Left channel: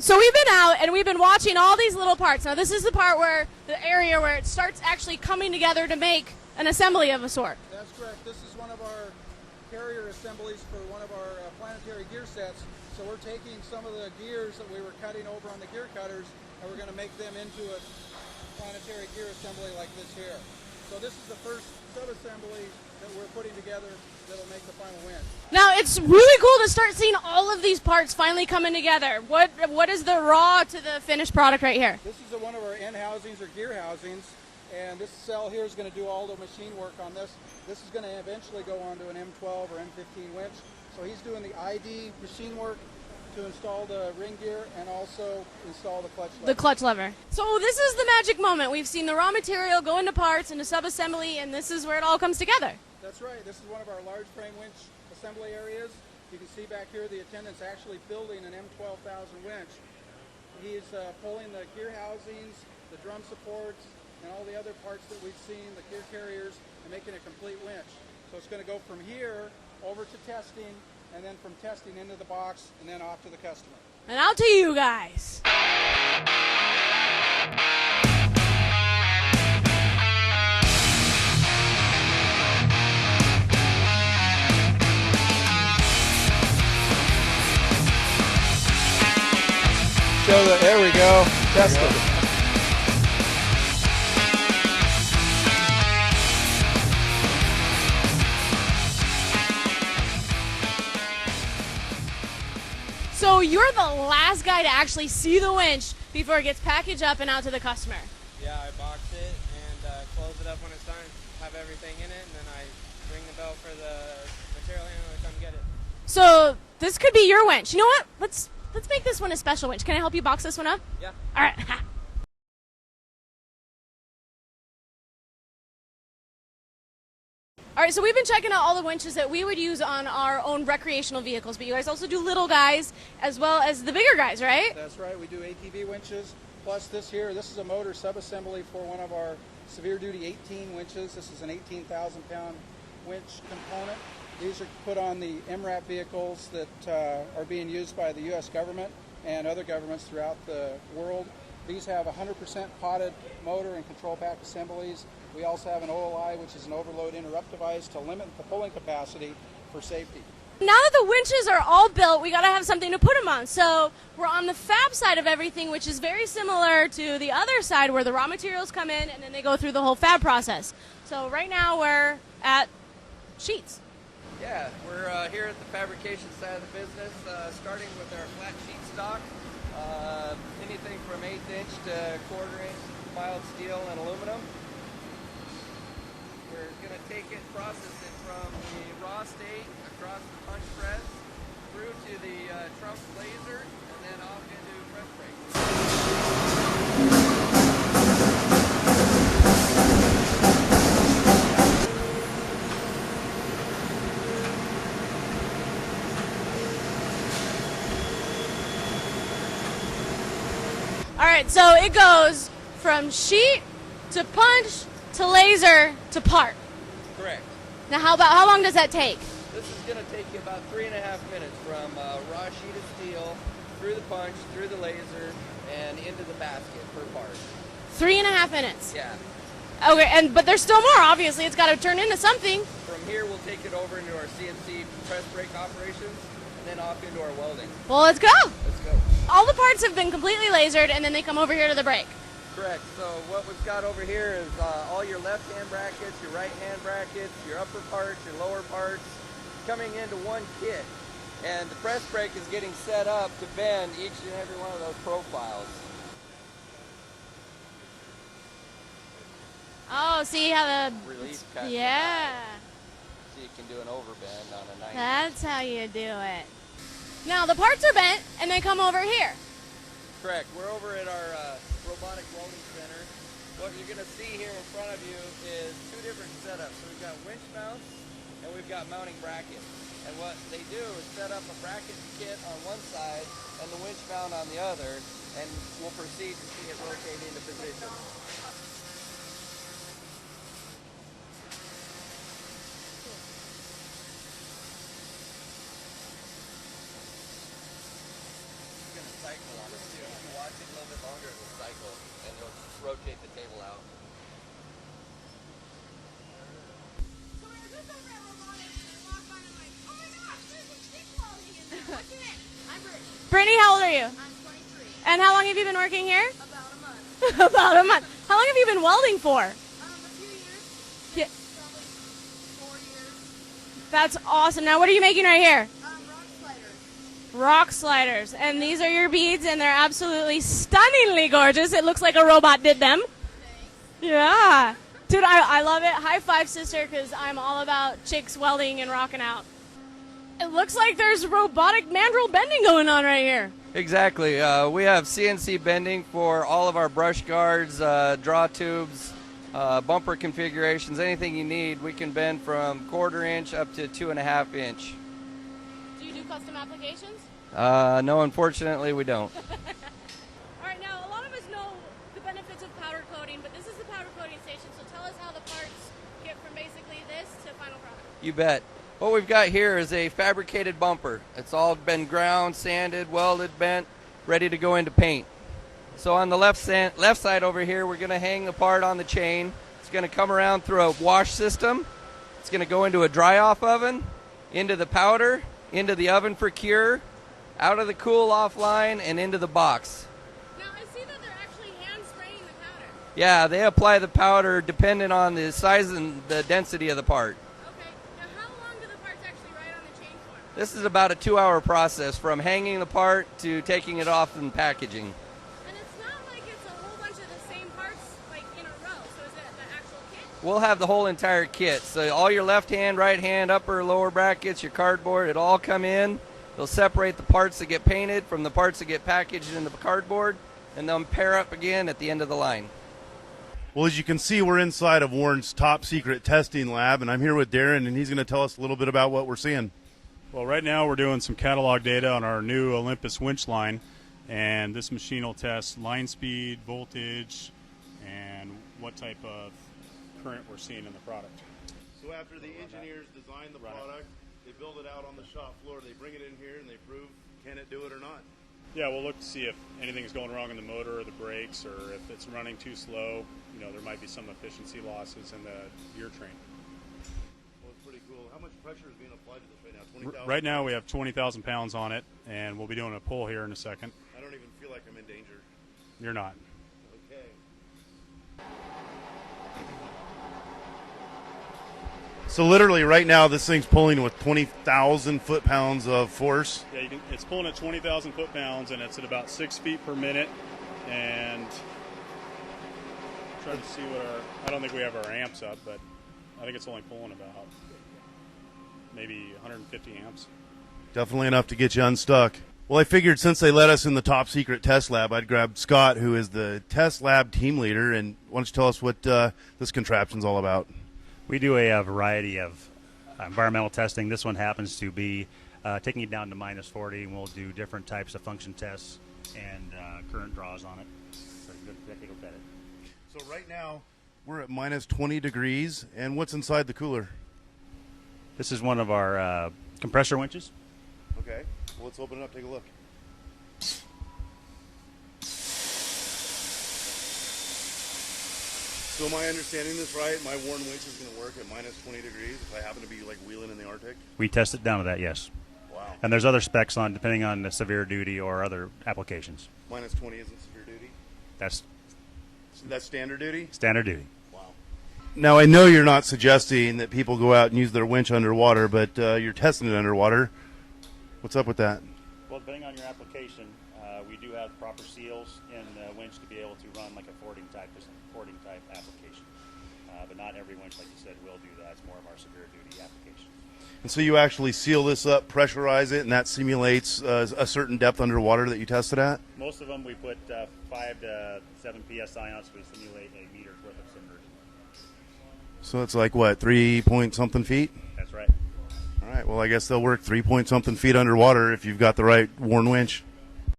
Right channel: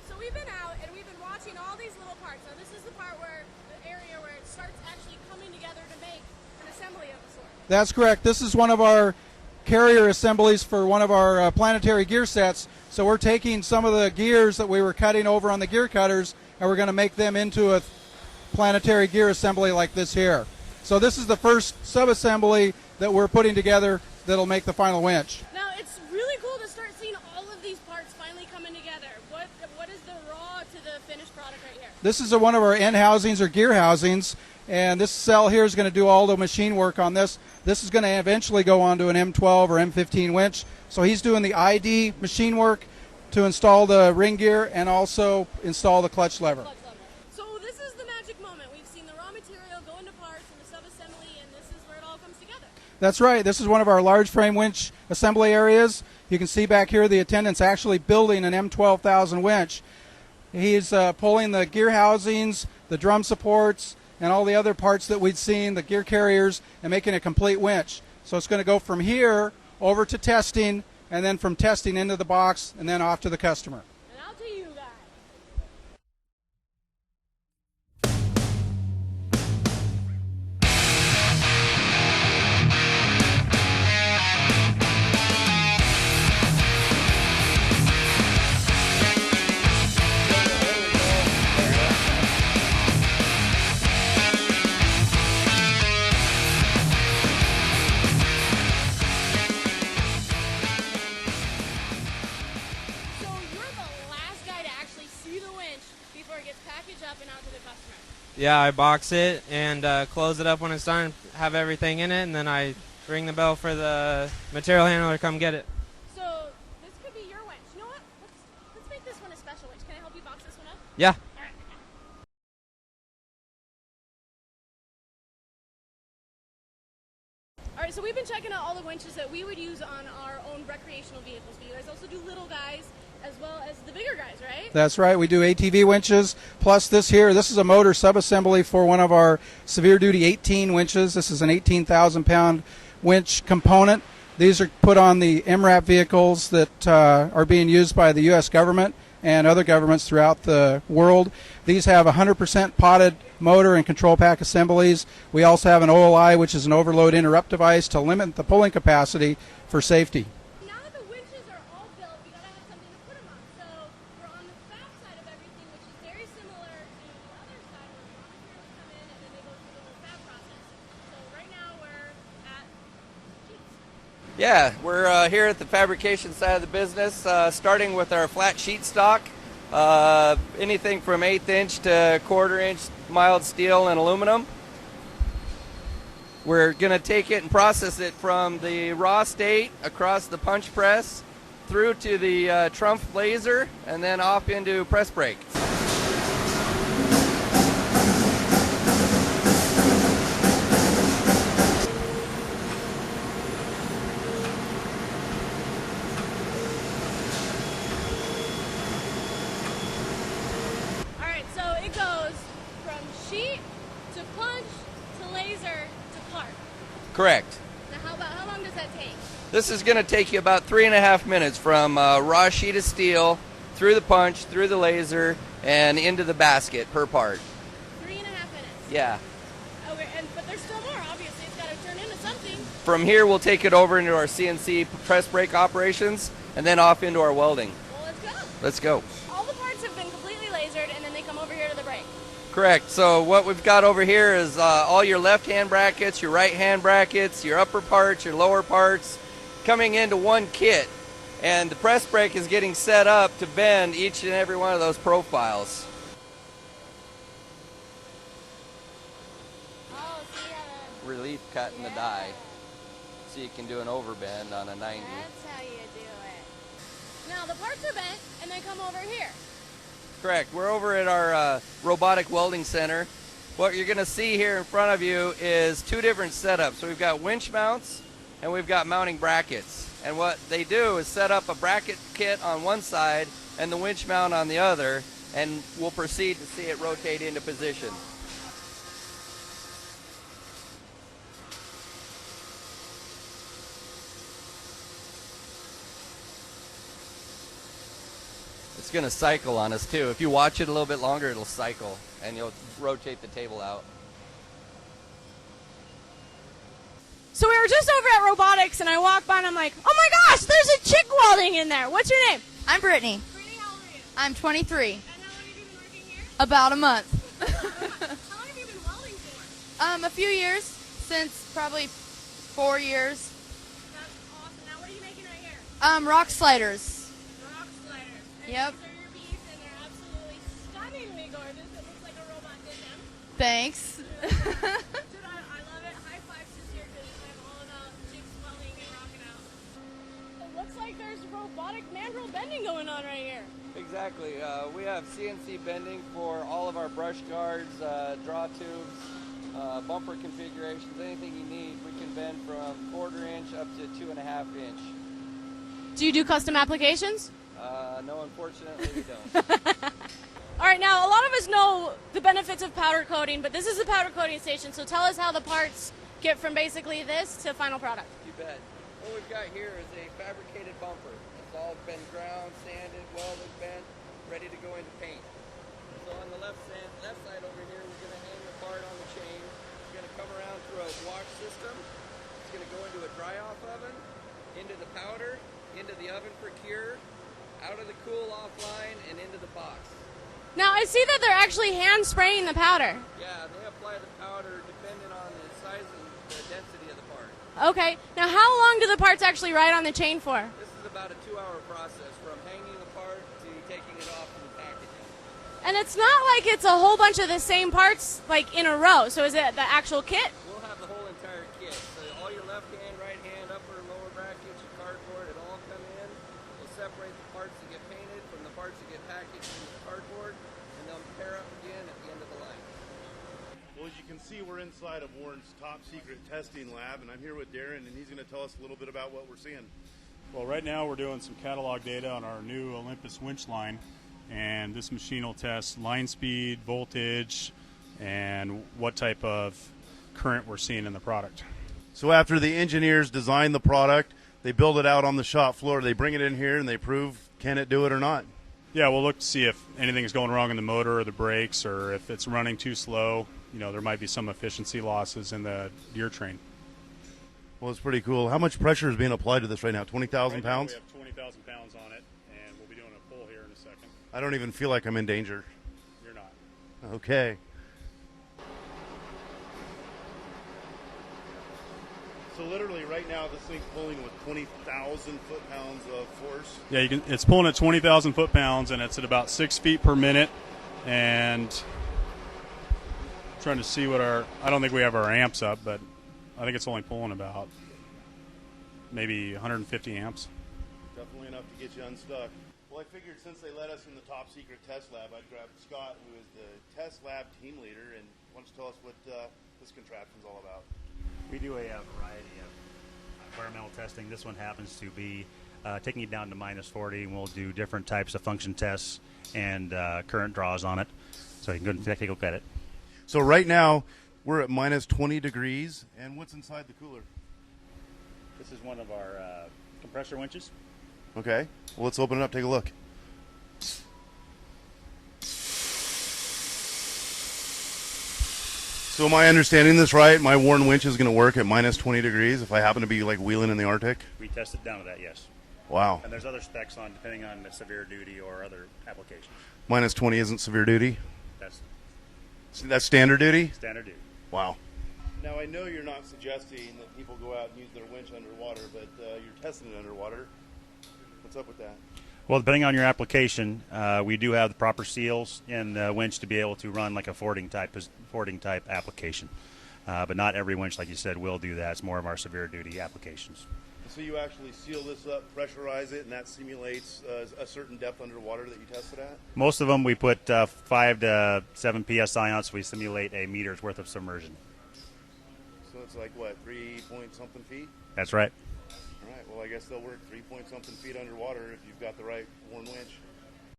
So we've been out and we've been watching all these little parts. Now this is the part where, the area where it starts actually coming together to make an assembly of a sort. That's correct. This is one of our carrier assemblies for one of our planetary gear sets. So we're taking some of the gears that we were cutting over on the gear cutters and we're going to make them into a planetary gear assembly like this here. So this is the first sub-assembly that we're putting together that'll make the final winch. Now it's really cool to start seeing all of these parts finally coming together. What is the raw to the finished product right here? This is one of our end housings or gear housings, and this cell here is going to do all the machine work on this. This is going to eventually go on to an M12 or M15 winch. So he's doing the ID machine work to install the ring gear and also install the clutch lever. The clutch lever. So this is the magic moment. We've seen the raw material go into parts, into sub-assembly, and this is where it all comes together. That's right. This is one of our large frame winch assembly areas. You can see back here the attendant's actually building an M12,000 winch. He's pulling the gear housings, the drum supports, and all the other parts that we'd seen, the gear carriers, and making a complete winch. So it's going to go from here over to testing, and then from testing into the box, and then off to the customer. And out to you guys. So there we go. That's So you're the last guy to actually see the winch before it gets packaged up and out to the customer. Yeah, I box it and close it up when it's done, have everything in it, and then I ring the bell for the material handler to come get it. So this could be your winch. You know what? Let's make this one a special winch. Can I help you box this one up? Yeah. All right. All right, so we've been checking out all the winches that we would use on our own recreational vehicles, but you guys also do little guys as well as the bigger guys, right? That's right. We do ATV winches, plus this is a motor sub-assembly for one of our severe duty 18 winches. This is an 18,000 pound winch component. These are put on the MRAP vehicles that are being used by the U.S. government and other governments throughout the world. These have 100% potted motor and control pack assemblies. We also have an OLI, which is an overload interrupt device to limit the pulling capacity for safety. Now that the winches are all built, we got to have something to put them on. So we're on the fab side of everything, which is very similar to the other side where the raw materials come in and then they go through the whole fab process. So right now we're at sheets. Yeah, we're here at the fabrication side of the business, starting with our flat sheet stock. Anything from 1/8 inch to 1/4 inch mild steel and aluminum. We're going to take it and process it from the raw state across the punch press through to the Trumpf laser and then off into press brake. So it goes from sheet to punch to laser to part. Correct. Now how long does that take? This is going to take you about 3.5 minutes from raw sheet of steel through the punch, through the laser, and into the basket per part. 3.5 minutes? Yeah. Okay, but there's still more, obviously. It's got to turn into something. From here, we'll take it over into our CNC press brake operations and then off into our welding. Well, let's go. Let's go. All the parts have been completely lasered, and then they come over here to the brake. Correct. So what we've got over here is all your left-hand brackets, your right-hand brackets, your upper parts, your lower parts, coming into one kit. And the press brake is getting set up to bend each and every one of those profiles. Oh, see how the... Relief cut in the yeah. die. So you can do an overbend on a 90. That's how you do it. Now, the parts are bent, and they come over here. Correct. We're over at our robotic welding center. What you're going to see here in front of you is two different setups. So we've got winch mounts, and we've got mounting brackets. And what they do is set up a bracket kit on one side and the winch mount on the other, and we'll proceed to see it rotate into position. it's going to cycle on us too. If you watch it a little bit longer, it'll cycle, and you'll rotate the table out. So we were just over at robotics, and I walked by, and I'm like, oh my gosh, there's a chick welding in there. What's your name? I'm Brittany. Brittany, how old are you? I'm 23. And how long have you been working here? About a month. About a month. How long have you been welding for? A few years, since probably 4 years. That's awesome. Now, what are you making right here? Rock sliders. Rock sliders. And Yep. these are your beads, and they're absolutely stunningly gorgeous. It looks like a robot did them. Thanks. Yeah. Dude, I love it. High five, sister, because I'm all about chicks welding and rocking out. It looks like there's robotic mandrel bending going on right here. Exactly. We have CNC bending for all of our brush guards, draw tubes, bumper configurations, anything you need. We can bend from 1/4 inch up to 2.5 inch. Do you do custom applications? No, unfortunately, we don't. All right, now, a lot of us know the benefits of powder coating, but this is the powder coating station, so tell us how the parts get from basically this to final product. You bet. What we've got here is a fabricated bumper. It's all been ground, sanded, welded, bent, ready to go into paint. So on the left side over here, we're going to hang the part on the chain. It's going to come around through a wash system. It's going to go into a dry-off oven, into the powder, into the oven for cure, out of the cool-off line, and into the box. Now, I see that they're actually hand spraying the powder. Yeah, they apply the powder dependent on the size and the density of the part. Okay. Now, how long do the parts actually ride on the chain for? This is about a 2-hour process from hanging the part to taking it off and packaging. And it's not like it's a whole bunch of the same parts, like, in a row. So is it the actual kit? We'll have the whole entire kit. So all your left hand, right hand, upper, lower brackets, your cardboard, it'll all come in. They'll separate the parts that get painted from the parts that get packaged in the cardboard, and they'll pair up again at the end of the line. Well, as you can see, we're inside of Warren's top secret testing lab, and I'm here with Darren, and he's going to tell us a little bit about what we're seeing. Well, right now we're doing some catalog data on our new Olympus winch line, and this machine will test line speed, voltage, and what type of current we're seeing in the product. So after the engineers design the product, they build it out on the shop floor, they bring it in here, and they prove can it do it or not. Yeah, we'll look to see if anything's going wrong in the motor or the brakes, or if it's running too slow. You know, there might be some efficiency losses in the gear train. Well, it's pretty cool. How much pressure is being applied to this right now? 20,000 pounds? Right now we have 20,000 pounds on it, and we'll be doing a pull here in a second. I don't even feel like I'm in danger. You're not. Okay. So literally right now this thing's pulling with 20,000 foot-pounds of force. Yeah, it's pulling at 20,000 foot-pounds, and it's at about 6 feet per minute. And I'm trying to see what I don't think we have our amps up, but I think it's only pulling about maybe 150 amps. Definitely enough to get you unstuck. Well, I figured since they let us in the top secret test lab, I'd grab Scott, who is the test lab team leader, and why don't you tell us what this contraption's all about? We do a variety of environmental testing. This one happens to be taking it down to -40, and we'll do different types of function tests and current draws on it. So you can go take a look at it. So right now, we're at -20 degrees, and what's inside the cooler? This is one of our compressor winches. Okay, well, let's open it up, take a look. So am I understanding this right? My Warren winch is going to work at -20 degrees if I happen to be like wheeling in the Arctic? We test it down to that, yes. Wow. And there's other specs on depending on the severe duty or other applications. -20 isn't severe duty? That's standard duty? standard duty. Wow. Now, I know you're not suggesting that people go out and use their winch underwater, but you're testing it underwater. What's up with that? Well, depending on your application, we do have the proper seals in the winch to be able to run like a fording type application. But not every winch, like you said, will do that. It's more of our severe duty applications. And so you actually seal this up, pressurize it, and that simulates a certain depth underwater that you tested at? Most of them we put 5 to 7 psi on, so we simulate a meter's worth of submersion. So it's like, what, 3-point-something feet? That's right. All right, well, I guess they'll work 3-point-something feet underwater if you've got the right Warren winch.